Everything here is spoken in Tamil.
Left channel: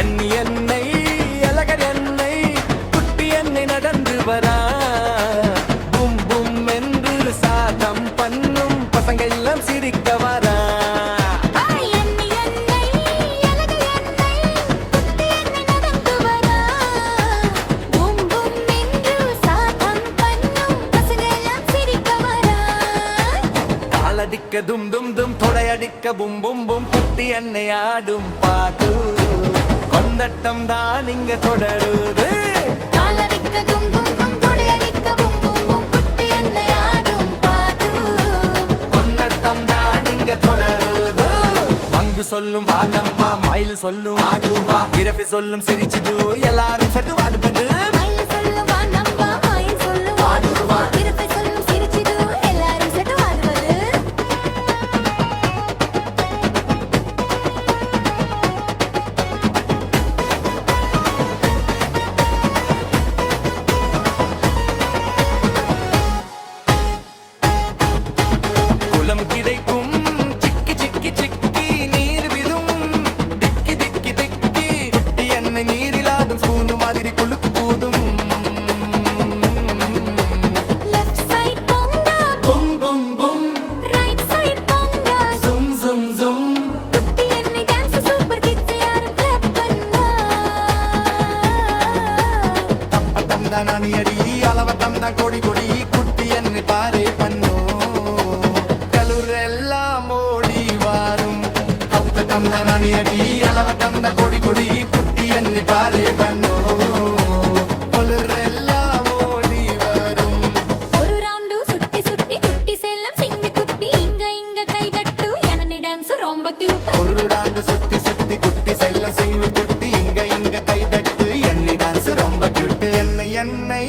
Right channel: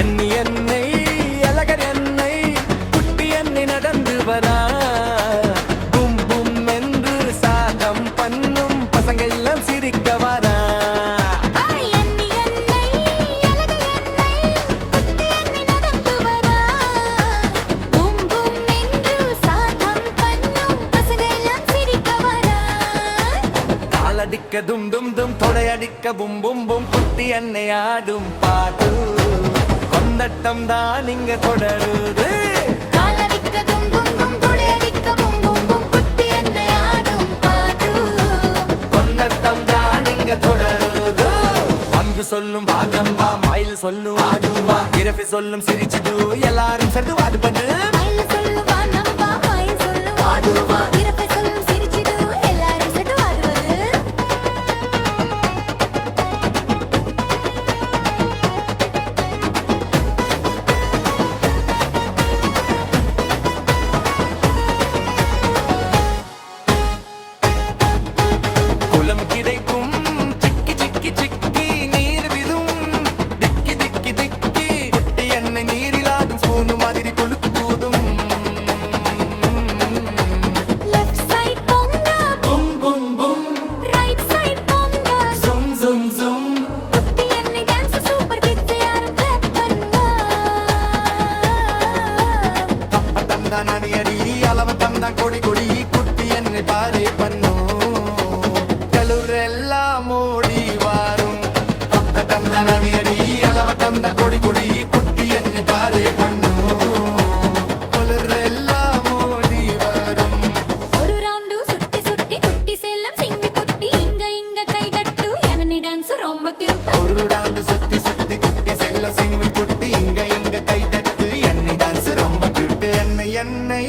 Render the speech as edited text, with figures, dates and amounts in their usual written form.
என்னை அழகர் என்னை குட்டி என்னை நடந்து வரா பும் பும் என்று சாதம் பண்ணும் பசங்க எல்லாம் சிரிக்க வரா அடிக்க தும் தும் தும் தொடையடிக்க பும் பும் பும் குட்டி என்னை ஆடும் பாட்டு கொந்தட்டம் தான் இங்க தொடருது காலடிக்க தும் தும் தும் தொடையடிக்க பும் பும் பும் குட்டி என்னை ஆடும் பாட்டு கொந்தட்டம் தான் இங்க தொடருது பங்கு சொல்லும் வாங்கம்மா மயில் சொல்லும் ஆடுவா இரஃபி சொல்லும் சிரிச்சுது எல்லாரும் சேர்ந்து வாடுபடு மயில் சொல்லும் வாங்கம்மா மயில் சொல்லும் ஆடுவா இரஃபி சொல்லும் சிரிச்சுது எல்லாரும் சேர்ந்து வாடுவது குளம் கிடைக்கும் சிக்கி சிக்கி சிக்கி நீர் விதும் திக்கி திக்கி திக்கி குட்டி என்னை நீரிலாடும் பூனு மாதிரி குளுக்கு கூதும் லெஃப்ட் சைடு போங்க பும் பும் பும் ரைட் சைடு போங்க ஜும் ஜும் ஜும் குட்டி என்னை டான்ஸ் சூப்பர் கிட்ஸ் யாரும் கிளாப் பண்ணுங்க தப்பட்டம் தான் அணி அடி அளவட்டம் தான் கொடி கொடி குட்டி என்னை பாரு பண்ணோ எல்லாம் ஓடி வாரும் பக்கத்தம் தான் அணி அடி அளவட்டம் தான் கொடி கொடி குட்டி என்னை பாரு பண்ணோ எல்லாம் ஓடி வரும் ஒரு ரவுண்டு சுத்தி சுத்தி குட்டி செல்லம் சிங்கி குட்டி இங்க கை தட்டு என்னை டான்ஸ் ரொம்ப கியூட் ஒரு ரவுண்டு சுத்தி சுத்தி குட்டி செல்லம் சிங்கி குட்டி இங்க கை தட்டு என்னை டான்ஸ் ரொம்ப கியூட் என்னை